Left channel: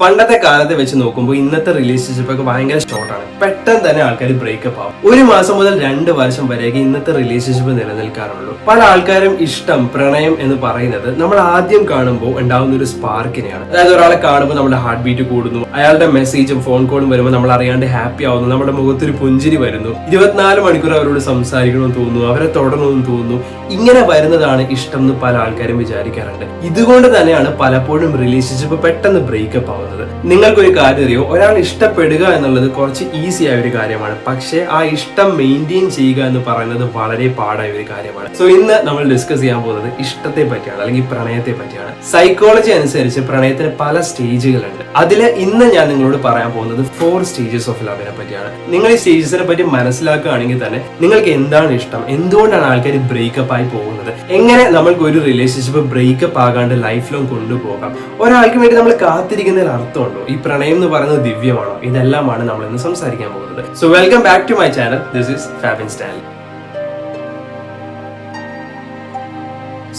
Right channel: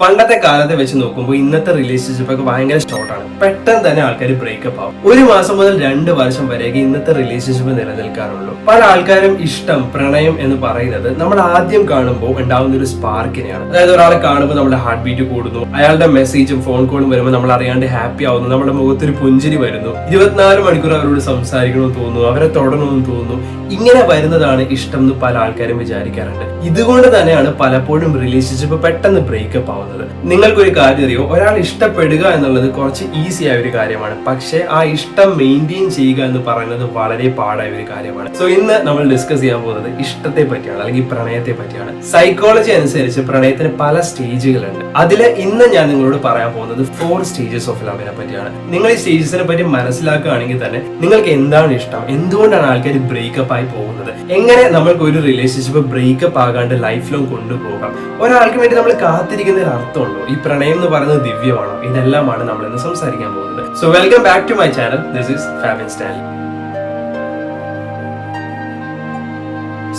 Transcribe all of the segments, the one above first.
പണ്ടത്തെ കാലത്തെ വെച്ച് നോക്കുമ്പോൾ ഇന്നത്തെ റിലേഷൻഷിപ്പ് ഒക്കെ ഭയങ്കര ഷോർട്ടാണ്. പെട്ടെന്ന് തന്നെ ആൾക്കാർ ബ്രേക്കപ്പ് ആവും. 1 മാസം മുതൽ 2 വർഷം വരെയൊക്കെ ഇന്നത്തെ റിലേഷൻഷിപ്പ് നിലനിൽക്കാറുള്ളൂ. പല ആൾക്കാരും ഇഷ്ടം, പ്രണയം എന്ന് പറയുന്നത് നമ്മൾ ആദ്യം കാണുമ്പോൾ ഉണ്ടാവുന്ന ഒരു സ്പാർക്കിനെയാണ്. അതായത് ഒരാളെ കാണുമ്പോൾ നമ്മുടെ ഹാർട്ട് ബീറ്റ് കൂടുന്നു, അയാളുടെ മെസ്സേജും ഫോൺ കോളും വരുമ്പോൾ നമ്മൾ അറിയാണ്ട് ഹാപ്പി ആവുന്നു, നമ്മുടെ മുഖത്തൊരു പുഞ്ചിരി വരുന്നു, 24 മണിക്കൂർ അവരോട് സംസാരിക്കണമെന്ന് തോന്നുന്നു, അവരെ തൊടണമെന്ന് തോന്നുന്നു. ഇങ്ങനെ വരുന്നതാണ് ഇഷ്ടം എന്ന് പല ആൾക്കാരും വിചാരിക്കാറുണ്ട്. ഇതുകൊണ്ട് തന്നെയാണ് പലപ്പോഴും റിലേഷൻഷിപ്പ് പെട്ടെന്ന് ബ്രേക്കപ്പ് ആവുന്നത്. നിങ്ങൾക്കൊരു കാര്യം അറിയോ, ഒരാൾ ഇഷ്ടപ്പെടുക എന്നുള്ളത് കുറച്ച് ഈസി ആയ ഒരു കാര്യമാണ്. പക്ഷേ ആ ഇഷ്ടം മെയിൻറ്റെയിൻ ചെയ്യുക എന്ന് പറയുന്നത് വളരെ പാടായ ഒരു കാര്യമാണ്. സോ ഇന്ന് നമ്മൾ ഡിസ്കസ് ചെയ്യാൻ പോകുന്നത് ഇഷ്ടത്തെ പറ്റിയാണ്, അല്ലെങ്കിൽ പ്രണയത്തെ പറ്റിയാണ്. സൈക്കോളജി അനുസരിച്ച് പ്രണയത്തിന് പല സ്റ്റേജുകളുണ്ട്. അതില് ഇന്ന് ഞാൻ നിങ്ങളോട് പറയാൻ പോകുന്നത് 4 സ്റ്റേജസ് ഓഫ് ലവിനെ പറ്റിയാണ്. നിങ്ങൾ ഈ സ്റ്റേജസിനെ പറ്റി മനസ്സിലാക്കുകയാണെങ്കിൽ തന്നെ നിങ്ങൾക്ക് എന്താണ് ഇഷ്ടം, എന്തുകൊണ്ടാണ് ആൾക്കാർ ബ്രേക്കപ്പ് ആയി പോകുന്നത്, എങ്ങനെ നമ്മൾക്ക് ഒരു റിലേഷൻഷിപ്പ് ബ്രേക്കപ്പ് ആകാണ്ട് ലൈഫ് ലോങ് കൊണ്ടുപോകാം, ഒരാൾക്ക് വേണ്ടി നമ്മൾ കാത്തിരിക്കുന്നതിൽ അർത്ഥമുണ്ടോ, ഈ പ്രണയം എന്ന് പറയുന്നത് ദിവ്യമാണോ, ഇതെല്ലാമാണ് നമ്മൾ ഇന്ന് സംസാരിക്കാൻ പോകുന്നത്. So welcome back to my channel. This is Fabin Stanley.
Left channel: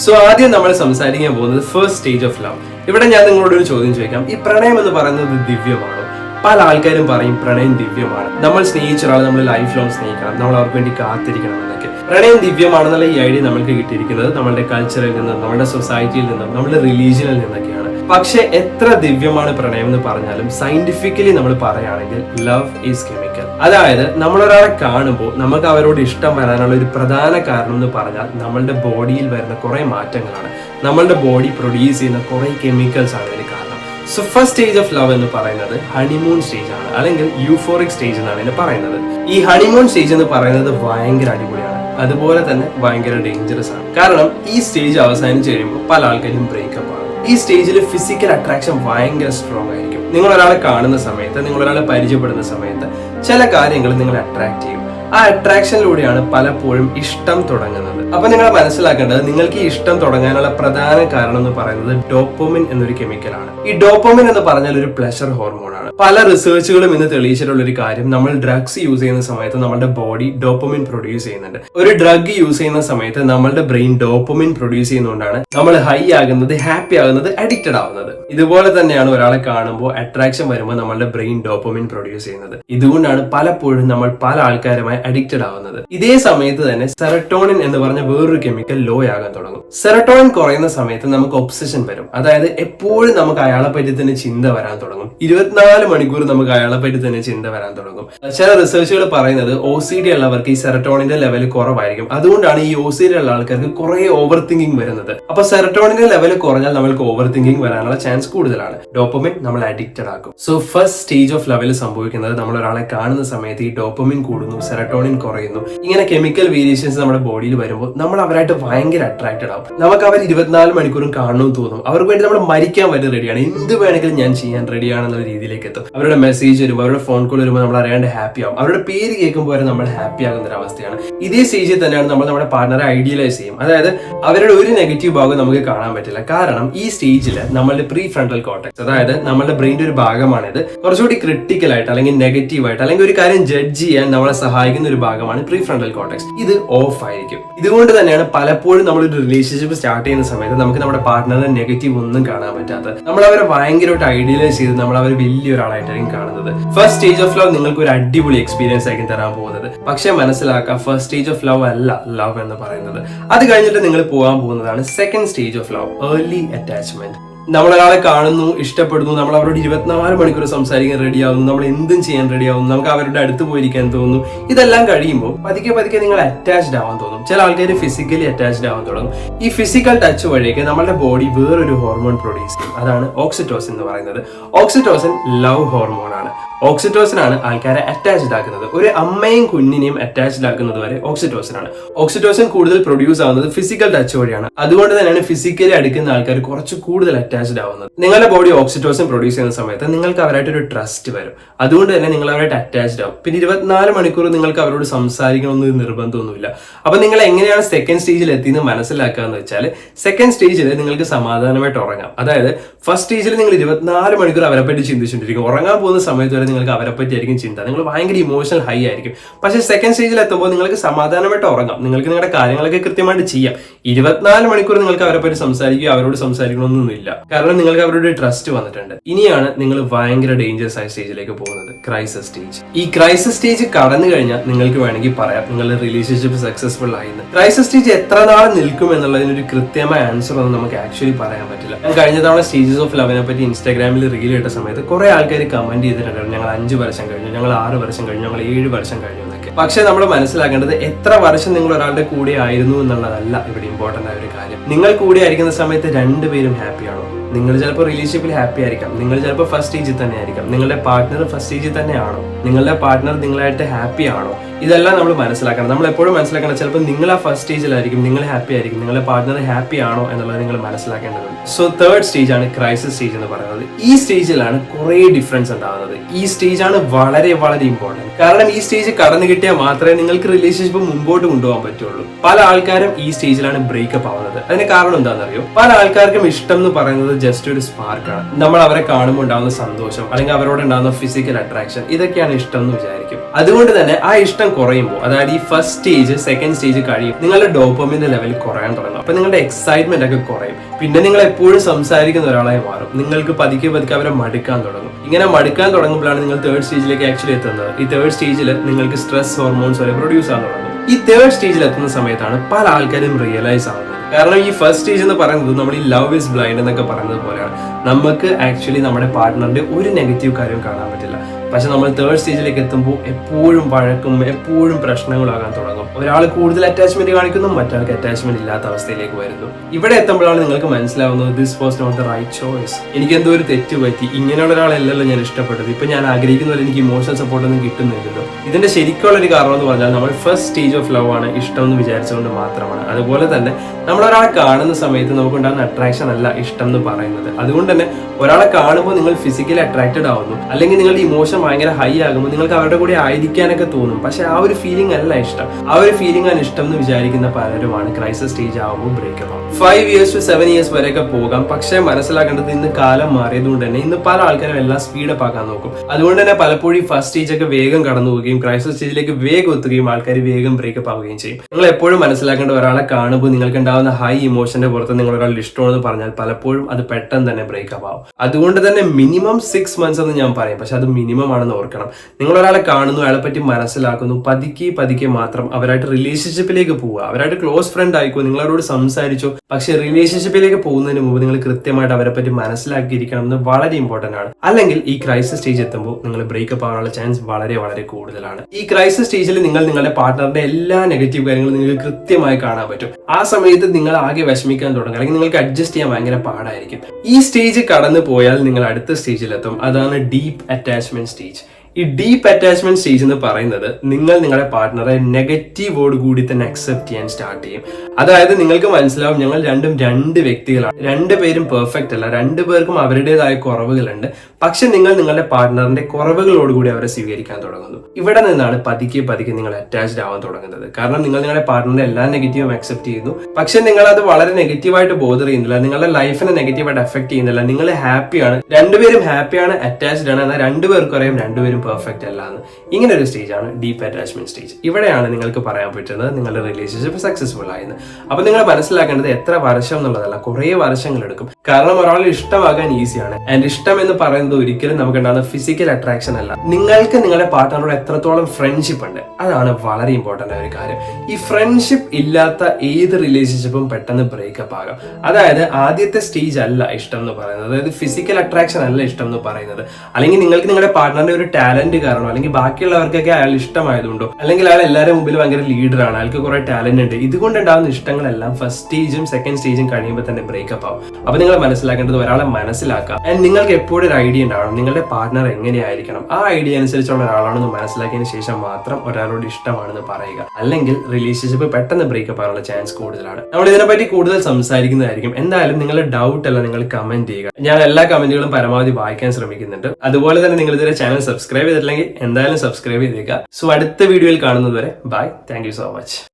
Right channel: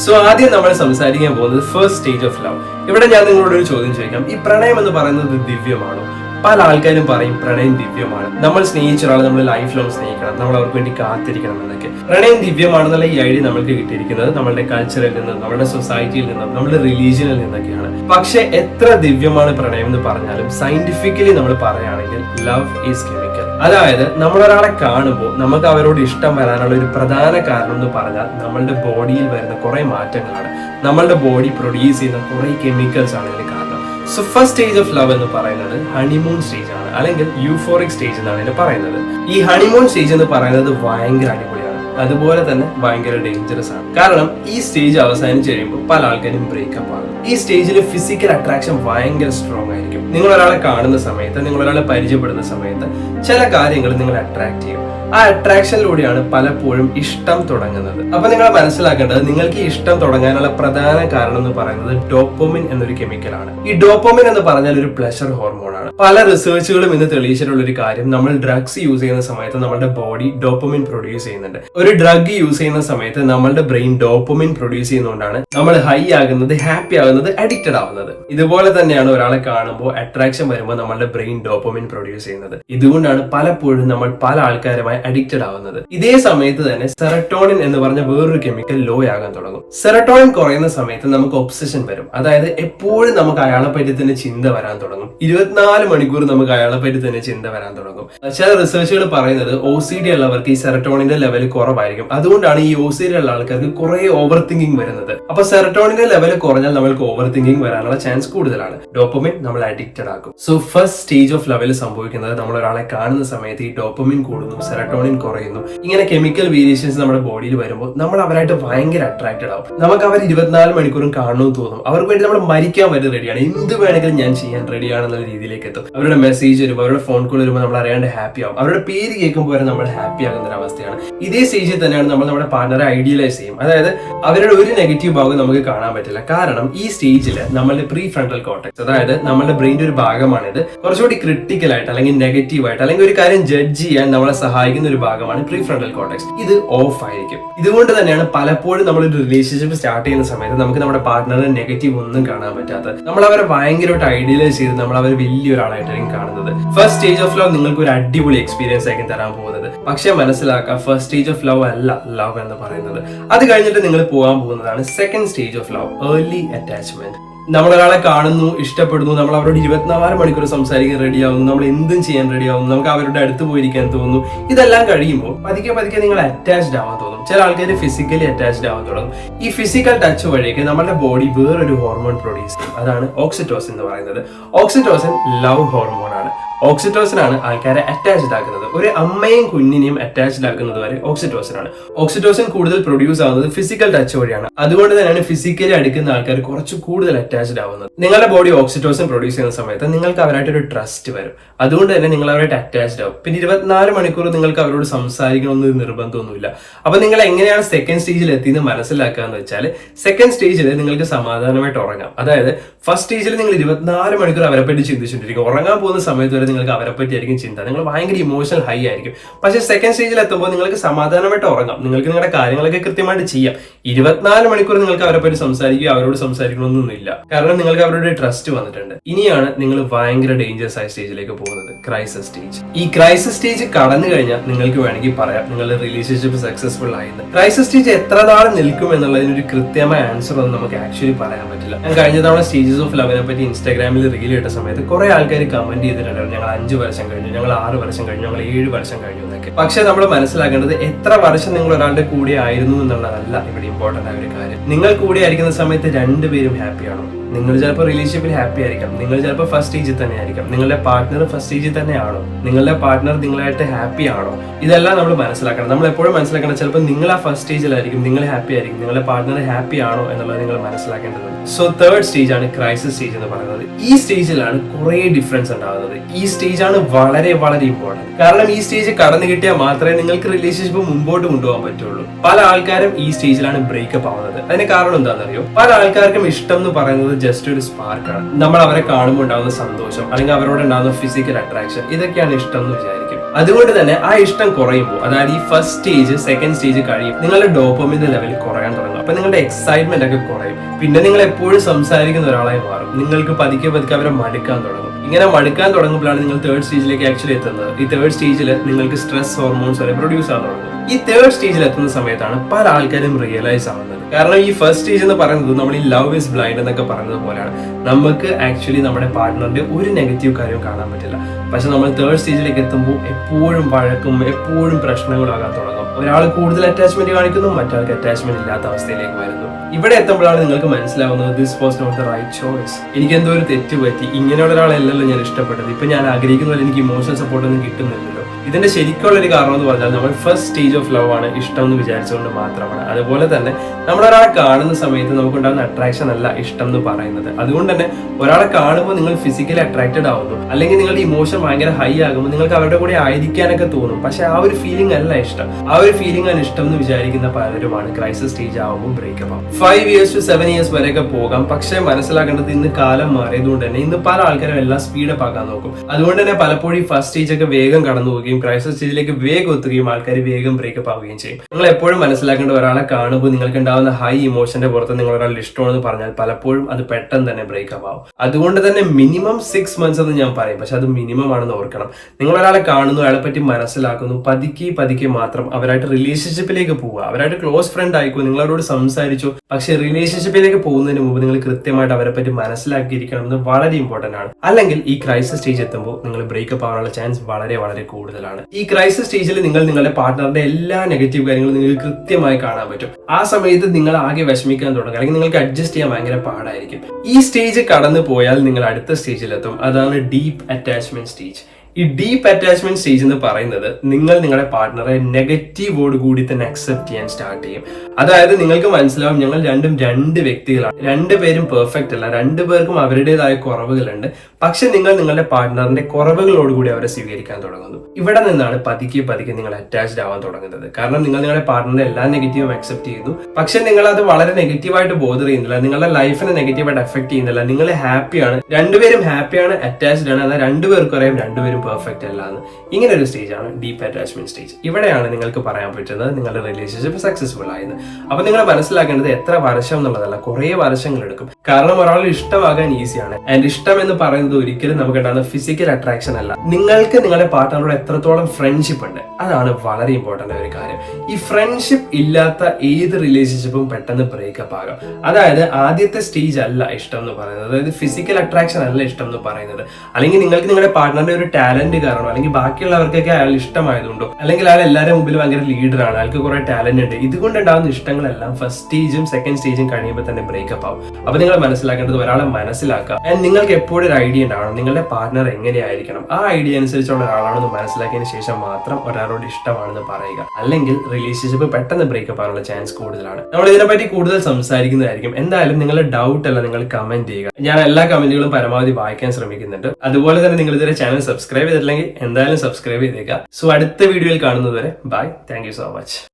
So ആദ്യം നമ്മൾ സംസാരിക്കാൻ പോകുന്നത് ഫസ്റ്റ് സ്റ്റേജ് ഓഫ് ലവ്. ഇവിടെ ഞാൻ നിങ്ങളോട് ഒരു ചോദ്യം ചോദിക്കാം, ഈ പ്രണയം എന്ന് പറയുന്നത് ദിവ്യമാണോ? പല ആൾക്കാരും പറയും പ്രണയം ദിവ്യമാണ്, നമ്മൾ സ്നേഹിച്ച ഒരാളെ നമ്മൾ ലൈഫ് ലോങ് സ്നേഹിക്കണം, നമ്മൾ അവർക്ക് വേണ്ടി കാത്തിരിക്കണം എന്നൊക്കെ. പ്രണയം ദിവ്യമാണെന്നുള്ള ഈ ഐഡിയ നമ്മൾക്ക് കിട്ടിയിരിക്കുന്നത് നമ്മുടെ കൾച്ചറിൽ നിന്നും, നമ്മുടെ സൊസൈറ്റിയിൽ നിന്നും, നമ്മുടെ റിലീജിയനിൽ നിന്നൊക്കെയാണ്. പക്ഷെ എത്ര ദിവ്യമാണ് പ്രണയം എന്ന് പറഞ്ഞാലും സയന്റിഫിക്കലി നമ്മൾ പറയുകയാണെങ്കിൽ ലവ് ഈസ് കെമിക്കൽ. അതായത് നമ്മളൊരാളെ കാണുമ്പോൾ നമുക്ക് അവരോട് ഇഷ്ടം വരാനുള്ള ഒരു പ്രധാന കാരണം എന്ന് പറഞ്ഞാൽ നമ്മളുടെ ബോഡിയിൽ വരുന്ന കുറെ മാറ്റങ്ങളാണ്, നമ്മളുടെ ബോഡി പ്രൊഡ്യൂസ് ചെയ്യുന്ന കുറെ കെമിക്കൽസ് ആണ് ഇതിന് കാരണം. So first stage of love എന്ന് പറയുന്നത് ഹണിമൂൺ സ്റ്റേജ് ആണ്, അല്ലെങ്കിൽ യൂഫോറിക് സ്റ്റേജ് എന്നാണ് ഇതിനെ പറയുന്നത്. ഈ ഹണിമൂൺ സ്റ്റേജ് എന്ന് പറയുന്നത് ഭയങ്കര അടിപൊളിയാണ്, അതുപോലെ തന്നെ ഭയങ്കര ഡേഞ്ചറസ് ആണ്. കാരണം ഈ സ്റ്റേജ് അവസാനിച്ച് കഴിയുമ്പോൾ പല ആൾക്കാരും ബ്രേക്കപ്പ് ആകും. ഈ സ്റ്റേജിൽ ഫിസിക്കൽ അട്രാക്ഷൻ ഭയങ്കര സ്ട്രോങ് ആയിരിക്കും. നിങ്ങൾ ഒരാളെ കാണുന്ന സമയത്ത്, നിങ്ങൾ ഒരാളെ പരിചയപ്പെടുന്ന സമയത്ത് ചില കാര്യങ്ങൾ നിങ്ങളെ അട്രാക്ട് ചെയ്യും. ആ അട്രാക്ഷനിലൂടെയാണ് പലപ്പോഴും ഇഷ്ടം തുടങ്ങുന്നത്. അപ്പൊ നിങ്ങൾ മനസ്സിലാക്കേണ്ടത്, നിങ്ങൾക്ക് ഈ ഇഷ്ടം തുടങ്ങാനുള്ള പ്രധാന കാരണം എന്ന് പറയുന്നത് ഡോപ്പമിൻ എന്നൊരു കെമിക്കലാണ്. ഈ ഡോപ്പമിൻ എന്ന് പറഞ്ഞാൽ ഒരു പ്ലഷർ ഹോർമോൺ ആണ്. പല റിസർച്ചുകളും ഇന്ന് തെളിയിച്ചിട്ടുള്ള ഒരു കാര്യം, നമ്മൾ ഡ്രഗ്സ് യൂസ് ചെയ്യുന്ന സമയത്ത് നമ്മുടെ ബോഡി ഡോപ്പമിൻ പ്രൊഡ്യൂസ് ചെയ്യുന്നുണ്ട്. ഒരു ഡ്രഗ് യൂസ് ചെയ്യുന്ന സമയത്ത് നമ്മളുടെ ബ്രെയിൻ ഡോപ്പമിൻ പ്രൊഡ്യൂസ് ചെയ്യുന്നതുകൊണ്ടാണ് നമ്മൾ ഹൈ ആകുന്നത്, ഹാപ്പി ആകുന്നത്, അഡിക്റ്റഡ് ആവുന്നത്. ഇതുപോലെ തന്നെയാണ് ഒരാളെ കാണുമ്പോൾ അട്രാക്ഷൻ വരുമ്പോൾ നമ്മളുടെ ബ്രെയിൻ ഡോപ്പമിൻ പ്രൊഡ്യൂസ് ചെയ്യുന്നത്. ഇതുകൊണ്ടാണ് പലപ്പോഴും നമ്മൾ പല ആൾക്കാരുമായി അഡിക്റ്റഡ് ആവുന്നത്. ഇതേ സമയത്ത് തന്നെ സെറട്ടോണിൻ എന്ന് പറഞ്ഞ വേറൊരു കെമിക്കൽ ലോ ആകാൻ തുടങ്ങും. സെറട്ടോണിൻ കുറയുന്ന സമയത്ത് നമുക്ക് ഒബ്സഷൻ വരും. അതായത് എപ്പോഴും നമുക്ക് അയാളെ പറ്റി തന്നെ ചിന്ത വരാൻ തുടങ്ങും. 24 മണിക്കൂർ നമുക്ക് അയാളെ പറ്റി തന്നെ ചിന്ത വരാൻ തുടങ്ങും. ചില റിസർച്ചുകൾ പറയുന്നത് OCD ഉള്ളവർക്ക് ഈ സെറട്ടോണിന്റെ ലെവൽ കുറവായിരിക്കും. അതുകൊണ്ടാണ് ഈ OCD ഉള്ള ആൾക്കാർക്ക് കുറെ ഓവർ തിങ്കിങ് വരുന്നത്. അപ്പൊ സെറട്ടോണിന്റെ ലെവൽ കുറഞ്ഞാൽ നമ്മൾക്ക് ഓവർ തിങ്കിങ് വരാനുള്ള ചാൻസ് കൂടുതലാണ്. ഡോപ്പമിൻ നമ്മൾ അഡിക്റ്റഡ് ആക്കും. So first stage of level സംഭവിക്കുന്നത്, നമ്മൾ ഒരാളെ കാണുന്ന സമയത്ത് ഈ ഡോപ്പമിൻ കൂടുന്നു, സെറട്ടോണിൻ കുറയുന്നു. ഇങ്ങനെ കെമിക്കൽ വേരിയേഷൻസ് നമ്മുടെ ബോഡിയിൽ വരുമ്പോൾ നമ്മൾ അവരായിട്ട് ഭയങ്കര അട്രാക്റ്റഡ് ആവും. നമുക്ക് അവർ 24 മണിക്കൂറും കാണണമെന്ന് തോന്നും. അവർക്ക് വേണ്ടി നമ്മൾ മരിക്കാൻ വരെ റെഡിയാണ്, എന്ത് വേണമെങ്കിലും ഞാൻ ചെയ്യാൻ റെഡിയാണെന്നുള്ള രീതിയിലേക്ക് എത്തും. അവരുടെ മെസ്സേജ് വരുമ്പോൾ, അവരുടെ ഫോൺ കോൾ വരുമ്പോൾ നമ്മൾ അറിയാണ്ട് ഹാപ്പി ആവും. അവരുടെ പേര് കേൾക്കുമ്പോൾ വരെ നമ്മൾ ഹാപ്പി ആകുന്ന ഒരു അവസ്ഥയാണ്. ഇതേ സ്റ്റേജിൽ തന്നെയാണ് നമ്മൾ നമ്മുടെ പാർട്ണറെ ഐഡിയലൈസ് ചെയ്യും. അതായത് അവരുടെ ഒരു നെഗറ്റീവ് ഭാഗം നമുക്ക് കാണാൻ പറ്റില്ല. കാരണം ഈ സ്റ്റേജിൽ നമ്മളുടെ പ്രീ ഫ്രണ്ടൽ കോർട്ടെക്സ്, അതായത് നമ്മുടെ ബ്രെയിൻ്റെ ഒരു ഭാഗമാണിത്, കുറച്ചുകൂടി ക്രിട്ടിക്കൽ ആയിട്ട് അല്ലെങ്കിൽ നെഗറ്റീവ് ആയിട്ട് അല്ലെങ്കിൽ ഒരു കാര്യം ജഡ്ജ് ചെയ്യാൻ നമ്മളെ സഹായിക്കുന്ന ഒരു ഭാഗമാണ് പ്രീ ഫ്രണ്ടൽ കോർട്ടെക്സ്. ഇത് ഓഫ് ആയിരിക്കും. ഇതുകൊണ്ട് തന്നെയാണ് പലപ്പോഴും നമ്മൾ ഒരു റിലേഷൻഷിപ്പ് സ്റ്റാർട്ട് ചെയ്യുന്ന സമയത്ത് നമുക്ക് നമ്മുടെ പാർട്ട്ണറിന് നെഗറ്റീവ് ഒന്നും കാണാൻ പറ്റാത്തത്. നമ്മൾ അവരെ ഭയങ്കരമായിട്ട് ഐഡിയലൈസ് ചെയ്ത് നമ്മൾ അവർ വലിയൊരാളായിട്ടായിരിക്കും കാണുന്നത്. ഫസ്റ്റ് സ്റ്റേജ് ഓഫ് ലവ് നിങ്ങൾക്ക് ഒരു അടിപൊളി എക്സ്പീരിയൻസ് ആയിരിക്കും തരാൻ പോകുന്നത്. പക്ഷേ മനസ്സിലാക്കുക, ഫസ്റ്റ് സ്റ്റേജ് ഓഫ് ലവ് അല്ല ലവ് എന്ന് പറയുന്നത്. അത് കഴിഞ്ഞിട്ട് നിങ്ങൾ പോകാൻ പോകുന്നതാണ് second stage of love, early attachment. നമ്മളൊരാളെ കാണുന്നു, ഇഷ്ടപ്പെടുന്നു, നമ്മൾ അവരോട് 24 മണിക്കൂർ സംസാരിക്കാൻ റെഡിയാവുന്നു, നമ്മൾ എന്തും ചെയ്യാൻ റെഡിയാവുന്നു, നമുക്ക് അവരുടെ അടുത്ത് പോയിരിക്കാൻ തോന്നുന്നു. ഇതെല്ലാം കഴിയുമ്പോൾ പതുക്കെ പതുക്കെ നിങ്ങൾ അറ്റാച്ച്ഡ് ആവാൻ തോന്നും. ചില ആൾക്കാർ ഫിസിക്കലി അറ്റാച്ച്ഡ് ആവാൻ തുടങ്ങും. ഈ ഫിസിക്കൽ ടച്ച് വഴിയൊക്കെ നമ്മുടെ ബോഡി വേറൊരു ഹോർമോൺ പ്രൊഡ്യൂസ് ചെയ്യും. അതാണ് ഓക്സിറ്റോസിൻ എന്ന് പറയുന്നത്. ഓക്സിറ്റോസിൻ ലവ് ഹോർമോൺ ആണ്. ഓക്സിറ്റോസിൻ ആണ് ആൾക്കാരെ അറ്റാച്ച്ഡ് ആക്കുന്നത്. ഒരു അമ്മയും കുഞ്ഞിനെയും അറ്റാച്ച്ഡ് ആക്കുന്നത് വരെ ഓക്സിറ്റോസിൻ ആണ്. ഓക്സിറ്റോസിൻ കൂടുതൽ പ്രൊഡ്യൂസ് ആവുന്നത് ഫിസിക്കൽ ടച്ച് വഴിയാണ്. അതുകൊണ്ട് തന്നെയാണ് ഫിസിക്കലി അടുക്കുന്ന ആൾക്കാർ കുറച്ച് കൂടുതൽ അറ്റാച്ച്ഡ് ആവുന്നത്. നിങ്ങളുടെ ബോഡി ഓക്സിറ്റോസിൻ പ്രൊഡ്യൂസ് ചെയ്യുന്ന സമയത്ത് നിങ്ങൾക്ക് അവരായിട്ട് ഒരു ട്രസ്റ്റ് വരും. അതുകൊണ്ട് തന്നെ നിങ്ങൾ അവരായിട്ട് അറ്റാച്ച്ഡ് ആവും. പിന്നെ 24 മണിക്കൂർ നിങ്ങൾക്ക് അവരോട് സംസാരിക്കണമെന്ന് നിർബന്ധമൊന്നുമില്ല. അപ്പൊ നിങ്ങൾ എങ്ങനെയാണ് സെക്കൻഡ് സ്റ്റേജിൽ എത്തിയെന്ന് മനസ്സിലാക്കുക എന്ന് വെച്ചാൽ, സെക്കൻഡ് സ്റ്റേജിൽ നിങ്ങൾക്ക് സമാധാനമായിട്ട് ഉറങ്ങാം. അതായത് ഫസ്റ്റ് സ്റ്റേജിൽ നിങ്ങൾ 24 മണിക്കൂർ അവരെ പറ്റി ചിന്തിച്ചുകൊണ്ടിരിക്കും. ഉറങ്ങാൻ പോകുന്ന സമയത്ത് വരെ നിങ്ങൾക്ക് അവരെ പറ്റിയായിരിക്കും ചിന്ത, നിങ്ങൾ ഭയങ്കര ഇമോഷണൽ ഹൈ ആയിരിക്കും. പക്ഷേ സെക്കൻഡ് സ്റ്റേജിൽ എത്തുമ്പോൾ നിങ്ങൾക്ക് സമാധാനമായിട്ട് ഉറങ്ങാം, നിങ്ങൾക്ക് നിങ്ങളുടെ കാര്യങ്ങളൊക്കെ കൃത്യമായിട്ട് ചെയ്യാം. 24 മണിക്കൂർ നിങ്ങൾക്ക് അവരെ പറ്റി സംസാരിക്കുക, അവരോട് സംസാരിക്കണമെന്നൊന്നുമില്ല. കാരണം നിങ്ങൾക്ക് അവരുടെ ട്രസ്റ്റ് വന്നിട്ടുണ്ട്. ഇനിയാണ് നിങ്ങൾ ഭയങ്കര ഡേഞ്ചറസ് ആയ സ്റ്റേജിലേക്ക് പോകുന്നത്, ക്രൈസിസ് സ്റ്റേജ്. ഈ ക്രൈസിസ് സ്റ്റേജ് കടന്നു കഴിഞ്ഞാൽ നിങ്ങൾക്ക് വേണമെങ്കിൽ പറയാം നിങ്ങളുടെ റിലേഷൻഷിപ്പ് സക്സസ്ഫുൾ ആയെന്ന്. ക്രൈസിസ് സ്റ്റേജ് എത്ര നാൾ നിൽക്കും എന്നുള്ളതിനൊരു കൃത്യമായ ആൻസർ ഒന്നും നമുക്ക് ആക്ച്വലി പറയാൻ പറ്റില്ല. ഞാൻ കഴിഞ്ഞ തവണ സ്റ്റേജസ് ഓഫ് ലവിനെ പറ്റി ഇൻസ്റ്റാഗ്രാമിൽ റീൽ ഇട്ട സമയത്ത് കുറെ ആൾക്കാർ കമന്റ് ചെയ്തിട്ടുണ്ടായിരുന്നു, ഞങ്ങൾ 5 വർഷം കഴിഞ്ഞു, ഞങ്ങൾ 6 വർഷം കഴിഞ്ഞു, ഞങ്ങൾ 7 വർഷം കഴിഞ്ഞു എന്നൊക്കെ. പക്ഷെ നമ്മൾ മനസ്സിലാക്കേണ്ടത് എത്ര വർഷം നിങ്ങൾ ഒരാളുടെ കൂടെ ആയിരുന്നു എന്നുള്ളതല്ല ഇവിടെ ഇമ്പോർട്ടന്റ് ആയ ഒരു കാര്യം. നിങ്ങൾ കൂടെ ആയിരിക്കുന്ന സമയത്ത് രണ്ടുപേരും ഹാപ്പിയാണോ? നിങ്ങൾ ചിലപ്പോൾ റിലേഷൻഷിപ്പിൽ ഹാപ്പി ആയിരിക്കാം, നിങ്ങൾ ചിലപ്പോൾ ഫസ്റ്റ് സ്റ്റേജിൽ തന്നെ ആയിരിക്കാം, നിങ്ങളുടെ പാർട്ട്ണർ ഫസ്റ്റ് സ്റ്റേജിൽ തന്നെയാണോ, നിങ്ങളുടെ പാർട്ട്ണർ നിങ്ങളായിട്ട് ഹാപ്പി ആണോ? ഇതെല്ലാം നമ്മൾ മനസ്സിലാക്കണം. നമ്മൾ എപ്പോഴും മനസ്സിലാക്കണം, ചിലപ്പോൾ നിങ്ങൾ ആ ഫസ്റ്റ് സ്റ്റേജിലായിരിക്കും, നിങ്ങൾ ഹാപ്പി ആയിരിക്കും, നിങ്ങളുടെ പാർട്ട്ണർ ഹാപ്പി ആണോ എന്നുള്ളത് നിങ്ങൾ മനസ്സിലാക്കേണ്ടതുണ്ട്. സോ തേർഡ് സ്റ്റേജ് ആണ് ക്രൈസിസ് സ്റ്റേജ് എന്ന് പറയുന്നത്. ഈ സ്റ്റേജിലാണ് കുറെ ഡിഫറൻസ് ഉണ്ടാകുന്നത്. ഈ സ്റ്റേജ് ആണ് വളരെ വളരെ ഇമ്പോർട്ടന്റ്. കാരണം ഈ സ്റ്റേജ് കടന്നു കിട്ടിയാൽ മാത്രമേ നിങ്ങൾക്ക് റിലേഷൻഷിപ്പ് മുമ്പോട്ട് കൊണ്ടുപോകാൻ പറ്റുള്ളൂ. പല ആൾക്കാരും ഈ സ്റ്റേജിലാണ് ബ്രേക്കപ്പ് ആവുന്നത്. അതിന് കാരണം എന്താണെന്നറിയോ? പല ആൾക്കാർക്കും ഇഷ്ടം എന്ന് പറയുന്നത് ജസ്റ്റ് ഒരു സ്പാർക്കാണ്. നമ്മൾ അവരെ കാണുമ്പോൾ ഉണ്ടാകുന്ന സന്തോഷം, അല്ലെങ്കിൽ അവരോട് ഉണ്ടാകുന്ന ഫിസിക്കൽ അട്രാക്ഷൻ, ഇതൊക്കെയാണ് ഇഷ്ടം എന്ന് വിചാരിക്കും. അതുകൊണ്ട് തന്നെ ആ ഇഷ്ടം കുറയുമ്പോൾ, അതായത് ഈ ഫസ്റ്റ് സ്റ്റേജ് സെക്കൻഡ് സ്റ്റേജ് കഴിയും, നിങ്ങളുടെ ഡോപ്പമിന്റെ ലെവൽ കുറയാൻ തുടങ്ങും. അപ്പൊ നിങ്ങളുടെ എക്സൈറ്റ്മെന്റ് ഒക്കെ കുറയും. പിന്നെ നിങ്ങൾ എപ്പോഴും സംസാരിക്കുന്ന ഒരാളായി മാറും. നിങ്ങൾക്ക് പതുക്കെ പതുക്കെ അവരെ മടുക്കാൻ തുടങ്ങും. ഇങ്ങനെ മടുക്കാൻ തുടങ്ങുമ്പോഴാണ് നിങ്ങൾ തേർഡ് സ്റ്റേജിലേക്ക് ആക്ച്വലി എത്തുന്നത്. ഈ തേർഡ് സ്റ്റേജിൽ നിങ്ങൾക്ക് സ്ട്രെസ് ഹോർമോൺസ് വരെ പ്രൊഡ്യൂസ് ആകാൻ തുടങ്ങും. ഈ തേർഡ് സ്റ്റേജിൽ എത്തുന്ന സമയത്താണ് പല ആൾക്കാരും റിയലൈസ് ആവുന്നത്. കാരണം ഈ ഫസ്റ്റ് സ്റ്റേജ് എന്ന് പറയുന്നത് നമ്മൾ ഈ ലവ് ഇസ് ബ്ലൈൻഡ് എന്നൊക്കെ പറയുന്നത് പോലെയാണ്. നമുക്ക് ആക്ച്വലി നമ്മുടെ പാർട്ട്ണറിന്റെ ഒരു നെഗറ്റീവ് കാര്യവും കാണാൻ പറ്റില്ല. പക്ഷെ നമ്മൾ തേർഡ് സ്റ്റേജിലേക്ക് എത്തുമ്പോൾ എപ്പോഴും വഴക്കും എപ്പോഴും പ്രശ്നങ്ങളാകാൻ തുടങ്ങും. ഒരാൾ കൂടുതൽ അറ്റാച്ച്മെന്റ് കാണിക്കുന്നു, മറ്റൊരാൾക്ക് അറ്റാച്ച്മെന്റ് ഇല്ലാത്ത അവസ്ഥയിലേക്ക് വരുന്നു. ഇവിടെ എത്തുമ്പോഴാണ് നിങ്ങൾക്ക് മനസ്സിലാവുന്നത് this was not the right choice. എനിക്ക് എന്തോ ഒരു തെറ്റ് പറ്റി, ഇങ്ങനെയുള്ള ഒരാളല്ലല്ലോ ഞാൻ ഇഷ്ടപ്പെട്ടത്, ഇപ്പൊ ഞാൻ ആഗ്രഹിക്കുന്ന പോലെ എനിക്ക് ഇമോഷണൽ സപ്പോർട്ട് ഒന്നും കിട്ടുന്നില്ലല്ലോ. ഇതിന്റെ ശരിക്കുള്ള ഒരു കാരണം എന്ന് പറഞ്ഞാൽ നമ്മൾ ഫസ്റ്റ് സ്റ്റേജ് ഓഫ് ലവ് ആണ് ഇഷ്ടം എന്ന് വിചാരിച്ചുകൊണ്ട് മാത്രമാണ്. അതുപോലെ തന്നെ നമ്മൾ ഒരാളെ കാണുന്ന സമയത്ത് നമുക്കുണ്ടാകുന്ന അട്രാക്ഷൻ അല്ല ഇഷ്ടം എന്ന് പറയുന്നത്. അതുകൊണ്ട് തന്നെ ഒരാളെ കാണുമ്പോൾ നിങ്ങൾ ഫിസിക്കലി അട്രാക്റ്റഡ് ആവുന്നു, അല്ലെങ്കിൽ നിങ്ങളുടെ ഇമോഷൻ ഭയങ്കര ഹൈ ആകുമ്പോൾ നിങ്ങൾക്ക് അവരുടെ കൂടെ ആയിരിക്കാനൊക്കെ തോന്നും. പക്ഷെ ആ ഒരു ഫീലിംഗ് അല്ല ഇഷ്ടം. ആ ഒരു ഫീലിംഗ് ആണ് ഇഷ്ടം എന്ന് വിചാരിക്കുന്ന പലരുമാണ് ക്രൈസിസ് സ്റ്റേജ് ആവുമ്പോൾ ബ്രേക്കപ്പ് ആവും. 5 years to 7 years വരെയൊക്കെ പോകാം. പക്ഷെ മനസ്സിലാക്കേണ്ടത് ഇന്ന് കാലം മാറിയതുകൊണ്ട് തന്നെ ഇന്ന് പല ആൾക്കാരും എല്ലാം സ്പീഡപ്പ് ആക്കാൻ നോക്കും. അതുകൊണ്ട് തന്നെ പലപ്പോഴും ഫസ്റ്റ് സ്റ്റേജ് ഒക്കെ വേഗം കടന്നു പോവുകയും ക്രൈസിസ് സ്റ്റേജിലേക്ക് വേഗം എത്തുകയും ആൾക്കാർ വേഗം ബ്രേക്കപ്പ് ആവുകയും ചെയ്യും. നിങ്ങൾ എപ്പോഴും മനസ്സിലാക്കേണ്ട, ഒരാളെ കാണുമ്പോൾ നിങ്ങൾക്ക് ഉണ്ടാവുന്ന ഹൈ ഇമോഷന്റെ പുറത്ത് നിങ്ങൾ ഒരാളുടെ ഇഷ്ടമാണെന്ന് പറഞ്ഞാൽ പലപ്പോഴും അത് പെട്ടെന്ന് തന്നെ ബ്രേക്കപ്പ് ആവും. അതുകൊണ്ട് തന്നെ മിനിമം 6 months എന്ന് ഞാൻ പറയും, പക്ഷെ അത് മിനിമം ആണെന്ന് ഓർക്കണം. നിങ്ങൾ ഒരാളെ കാണുന്നു, അയാളെ പറ്റി മനസ്സിലാക്കുന്നു, പതുക്കെ പതുക്കെ മാത്രം അവരായിട്ട് റിലേഷൻഷിപ്പിലേക്ക് പോവുക. അവരായിട്ട് ക്ലോസ് ഫ്രണ്ട് ആയിക്കോ, നിങ്ങൾ അവരോട് സംസാരിച്ചു, പക്ഷെ റിലേഷൻഷിപ്പിലേക്ക് പോകുന്നതിന് മുമ്പ് നിങ്ങൾ കൃത്യമായിട്ട് അവരെ പറ്റി മനസ്സിലാക്കിയിരിക്കണം എന്ന് വളരെ ഇമ്പോർട്ടന്റ് ആണ്. അല്ലെങ്കിൽ ഈ ക്രൈസിസ് സ്റ്റേജ് എത്തുമ്പോൾ നിങ്ങൾ ബ്രേക്കപ്പ് ആവാനുള്ള ചാൻസ് വളരെ വളരെ കൂടുതലാണ്. ഈ ക്രൈസിസ് സ്റ്റേജിൽ നിങ്ങൾ നിങ്ങളുടെ പാർട്ട്ണറിന്റെ എല്ലാ നെഗറ്റീവ് കാര്യങ്ങളും നിങ്ങൾക്ക് കൃത്യമായി കാണാൻ പറ്റും. ആ സമയത്ത് നിങ്ങൾ ആകെ വിഷമിക്കാൻ തുടങ്ങും, അല്ലെങ്കിൽ നിങ്ങൾക്ക് അഡ്ജസ്റ്റ് ചെയ്യാൻ ഭയങ്കര പാടായിരിക്കും. ഈ സ്റ്റേജ് കടന്നു പോയാൽ നിങ്ങൾ അടുത്ത സ്റ്റേജിലെത്തും. അതാണ് ഡീപ്പ് അറ്റാച്ച്മെന്റ് സ്റ്റേജ്. ഈ ഡീപ്പ് അറ്റാച്ച്മെന്റ് സ്റ്റേജ് എന്ന് പറയുന്നത് നിങ്ങൾ നിങ്ങളുടെ പാർട്ട്ണറെ നെഗറ്റീവോട് കൂടി തന്നെ അക്സെപ്റ്റ് ചെയ്യാൻ സ്റ്റാർട്ട് ചെയ്യും. അതായത് നിങ്ങൾക്ക് മനസ്സിലാവും, ഞങ്ങൾ രണ്ടും 2 വ്യക്തികളാണ്, 2 പേരും പെർഫെക്റ്റ് അല്ല, 2 പേർക്കും അവരുടേതായ കുറവുകളുണ്ട്. പക്ഷെ നിങ്ങൾ നിങ്ങളുടെ പാർട്ട്ണറിന്റെ കുറവുകളോടുകൂടി അവരെ സ്വീകരിക്കാൻ തുടങ്ങുന്നു. ഇവിടെ നിന്നാണ് പതുക്കെ പതുക്കെ നിങ്ങൾ അറ്റാച്ച്ഡ് ആവാൻ തുടങ്ങുന്നത്. കാരണം നിങ്ങൾ നിങ്ങളുടെ പാർട്ട്ണറിന്റെ എല്ലാ നെഗറ്റീവും അക്സെപ്റ്റ് ചെയ്യുന്നു, പക്ഷെ നിങ്ങൾ അത് വളരെ നെഗറ്റീവായിട്ട് ബോധർ ചെയ്യുന്നില്ല, നിങ്ങളുടെ ലൈഫിനെ നെഗറ്റീവായിട്ട് എഫക്ട് ചെയ്യുന്നില്ല. നിങ്ങൾ ഹാപ്പിയാണ്, 2 പേരും ഹാപ്പിയാണ്, അറ്റാച്ച്ഡ് ആണ്. എന്നാൽ 2 പേർക്കും അറിയാം 2 പേരും പെർഫെക്റ്റ് അല്ല എന്ന്. ഇങ്ങനെ ഒരു സ്റ്റേജ് ആണ് ഡീപ്പ് അറ്റാച്ച്മെന്റ് സ്റ്റേജ്. ഇവിടെയാണ് നിങ്ങൾക്ക് പറയാൻ പറ്റുന്നത് നിങ്ങളുടെ റിലേഷൻഷിപ്പ് സക്സസ്ഫുൾ ആയെന്ന്. അപ്പൊ നിങ്ങൾ മനസ്സിലാക്കേണ്ടത് എത്ര വർഷം എന്നുള്ളതല്ല, കുറെ വർഷങ്ങൾ എടുക്കും. കാരണം ഒരാളെ ഇഷ്ടമാകാൻ ഈസിയാണ്. ആൻഡ് ഇഷ്ടം എന്ന് പറയുന്നത് ഒരിക്കലും നമുക്ക് ഉണ്ടാകുന്ന ഫിസിക്കൽ അട്രാക്ഷൻ അല്ല. നിങ്ങൾക്ക് നിങ്ങളുടെ പാർട്ട്ണറോട് എത്രത്തോളം ഫ്രണ്ട്ഷിപ്പ് ഉണ്ട്, അതാണ് വളരെ ഇമ്പോർട്ടന്റ് ആയ ഒരു കാര്യം. ഈ ഫ്രണ്ട്ഷിപ്പ് ഇല്ലാത്ത ഏത് റിലേഷൻഷിപ്പും പെട്ടെന്ന് ബ്രേക്കപ്പ് ആകാം. അതായത് ആദ്യത്തെ സ്റ്റേജ് അല്ല ഇഷ്ടം എന്ന് പറയുന്നത്, അതായത് ഫിസിക്കൽ അട്രാക്ഷൻ അല്ല ഇഷ്ടം എന്ന് പറയുന്നത്. അല്ലെങ്കിൽ നിങ്ങൾക്ക് നിങ്ങളുടെ പാർട്ട്ണറിന്റെ ഒരു ടാലന്റ് കാരണോ, അല്ലെങ്കിൽ ബാക്കിയുള്ളവർക്കൊക്കെ അയാൾ ഇഷ്ടമായതുകൊണ്ടോ, അല്ലെങ്കിൽ അയാൾ എല്ലാവരും മുമ്പിൽ ഭയങ്കര ലീഡറാണ്, അയാൾക്ക് കുറെ ടാലന്റ് ഉണ്ട്, ഇതുകൊണ്ടുണ്ടാകുന്ന ഇഷ്ടങ്ങളെല്ലാം ഫസ്റ്റ് സ്റ്റേജും സെക്കൻഡ് സ്റ്റേജും കഴിയുമ്പോൾ തന്നെ ബ്രേക്കപ്പ് ആവും. അപ്പൊ നിങ്ങൾ മനസ്സിലാക്കേണ്ടത് ഒരാളെ മനസ്സിലാക്കാം. ആൻഡ് നിങ്ങൾക്ക് എപ്പോഴും ഒരു ഐഡിയ ഉണ്ടാവണം നിങ്ങളുടെ പാർട്ട്ണർ എങ്ങനെയായിരിക്കണം. ആ ഐഡിയ അനുസരിച്ചുള്ള ഒരാളാണെന്ന് മനസ്സിലാക്കിയതിന് ശേഷം മാത്രം ഒരാളോട് ഇഷ്ടമാണെന്ന് പറയുക. അല്ലെങ്കിൽ റിലേഷൻഷിപ്പ് പെട്ടെന്ന് ബ്രേക്കപ്പ് ആവാനുള്ള ചാൻസ് കൂടുതലാണ്. നമ്മൾ ഇതിനെപ്പറ്റി കൂടുതൽ സംസാരിക്കുന്നതായിരിക്കും. എന്തായാലും നിങ്ങളുടെ ഡൗട്ട് അല്ല നിങ്ങൾ കമന്റ് ചെയ്യുക. ഞാൻ എല്ലാ കമന്റുകളും പരമാവധി വായിക്കാൻ ശ്രമിക്കുന്നുണ്ട്. അതുപോലെ തന്നെ നിങ്ങൾ ഇതുവരെ ചാനൽ സബ്സ്ക്രൈബ് ചെയ്തിട്ടില്ലെങ്കിൽ എന്തായാലും സബ്സ്ക്രൈബ് ചെയ്തേക്കുക. സോ അടുത്ത വീഡിയോയിൽ കാണുന്നത് വരെ bye. Thank you so much.